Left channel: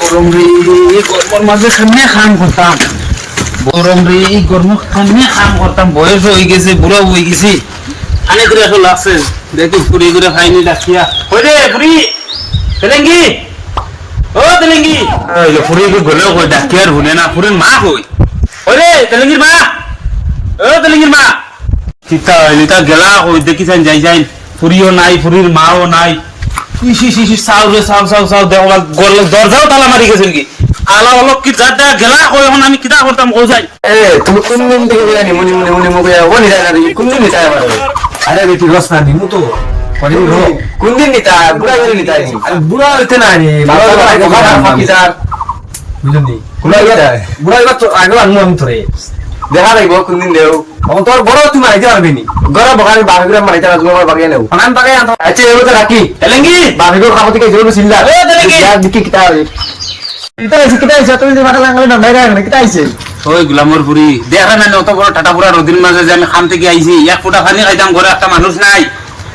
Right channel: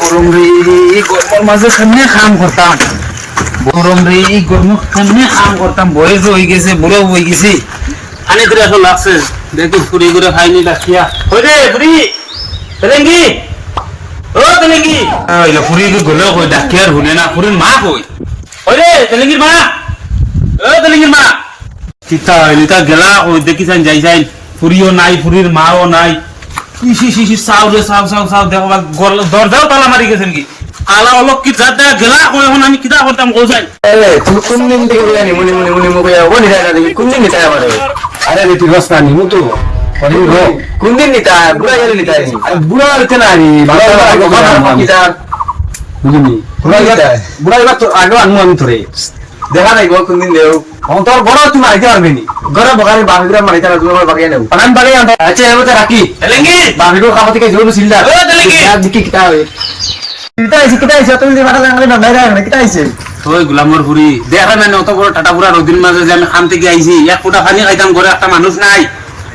গরম রে, এই গরমের মাঝে কেমনে কাম করতাম, গরম রে, এই গরম কেমনে কাম করতাম, বয়স হয়ে গেছে, বুড়ো হয়ে গেছি, আনে করে আসলে লাগছে, দেখি ফুরি করে খাইনি ডাকিয়া, কই রে ফুরি, তেলেঙ্গি, ও তেলেঙ্গি, ফুরি গলেও কই ডাকিয়া আর শুনে না, ফুরির মা কই, কই রে তেলেঙ্গির মা, ও তেলেঙ্গির মা, চিতা হইলিতা গেলা কই দেখি যাই যাই, ফুরিও নাই, ফুরির মাও নাই, চাও রে চাও চাও চাও দেখলা দরজাও তালা মারি গেছে কি আলা অলপ কি যাটা গেলা কই এখন আমি কিতা করতাম কই যাই তুমি কোন দিন থেকে জানি মনি মনি মনি মুখে যাবো নিতা না দেখি কোন দিন নিতা আমার আরে রে তুই বস না নিমু তো কোন দিন নিতা বুড়া গেলে নিতা আইছি বুড়া হইতে নাই নি বাবা বাবা ফাঁকি যার বুঝলি কোন নিতা বুড়া তো আগে আনমু আমি তোরে দেখা নাই গো কোন দিন দেও তোর বড় তুমি আইতে পারবি নি ঘরে বকারি বাহিরে মারিতা না তুমি আমার বাগিয়ে নেও আনান বাগে আন আচ্ছা এবার রাখি তেলেঙ্গি বাহিরে খাওয়া থেকে জরুরি চিন্তা তেলেঙ্গি দেখি কিতা হবে কিতা আইছে তুমি যে মাথা লাগালে না বাইরে না কিতা আইছে ওই গুলামর পুরি দেখা না অত বড় টাটা পুরা রদিন মাঝে যে আমি খান থেকে আইছি এক ফুটা পানি খাইতাম ঘরে একটা মানুষ নাই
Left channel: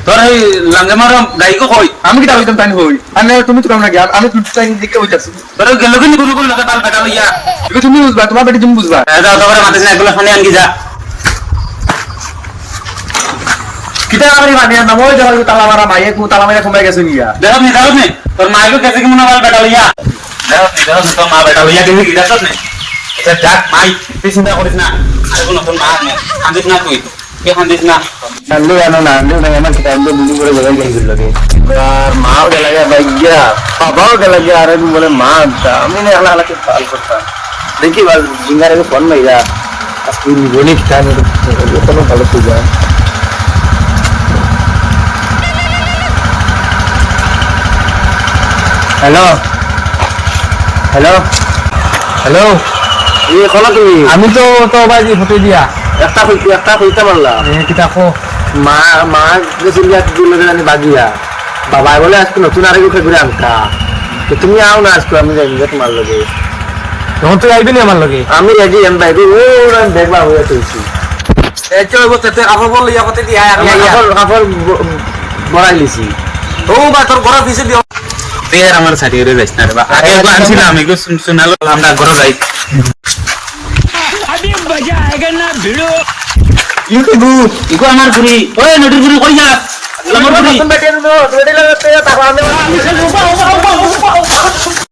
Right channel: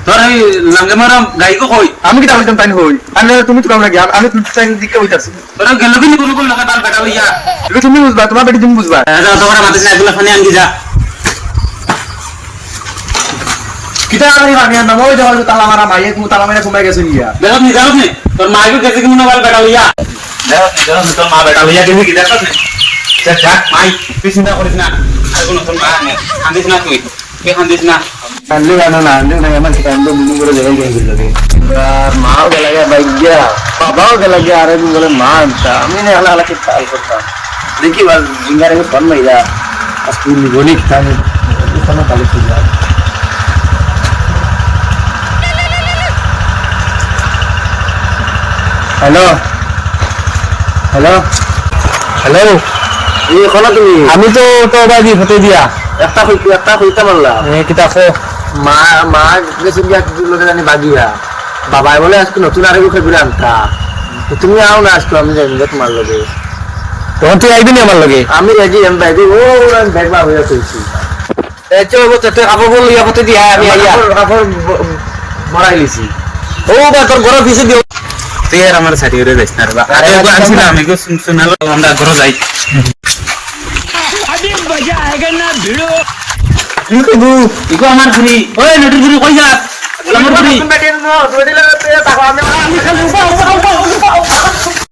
তোর এই লাঙ্গে মারা গাইকো কই আমি কিতা হইতাম তাই হই আরে তুমি তো কাম না আমি তো টাইম দিকে হইতাছি তোর গেল কিন্তু কোন কোন লাগা টাল কাটা লইয়া এগুলো তুমি বুঝবা তোমার বেটি তুমি বুঝবা যাও তোমার মাথা না এগুলা পানি আনকি যা কিতা আমি বানিয়া না মই দেখো তালা মারা মাইয়ে কো তালা মাইরা ঘুমাই গেছে গিয়া দেখো নি তোর মাইকো কেসে কি মনে হয় বেটা লইয়া দেখো তোর মা বেটা লইয়া কেমনি কি দেখছ নি যাক মাই তুই চিন্তা করিস না আরে কোন তোর মা কান্দিস না তুই কে কান্দিস না আল্লে না আমার কিতা এন্ড বুঝি করে দেখাই গেল লাগে আর মাও গেলা গিয়া বাইগিয়া বাবাও গেলা গিয়া আরে বলে মা আমি না আলা আলা কে পাল করতাম দেখি বাল জিঙ্গারে কে ফোন মাইরা আজকে নিগনি কিতা নি কোনো ভালো পূজা হ্যালো হ্যালো হ্যালো এই কোন তুমি আমি তো বাজি হতে দিয়া একটা কইতে পারলাম কিতা কো মা গেছিল জানি বাগিয়া বাবাই বলে আজকে নতুন আরেক উঠে ঘুরে আনতা তো তুমি আও না আজকে আমি যাই তোমার লগে তখন তো আইবি না আমার লগে আমি রেডি এম বাইরে ও আমি দেখবা হইয়া কইছি এই যে বলতে আবার বললি আপতে দিয়া আমার কাপড় বড়াই লিছি ও বা তোর ঘর অফিসে দিও তের আমার সাথে রে যাইছ না রে বা আরে আনছিলাম আমি কো শুনালো আমরা ঘর যাই अभी मजा आएगा ना भिड़ो ইউ কইবু ইগো আমার ঘুরি ওই নটির ঘুরি কই যা আমার ঘুরি বেটি নো রেডি লাগে তাকো আমি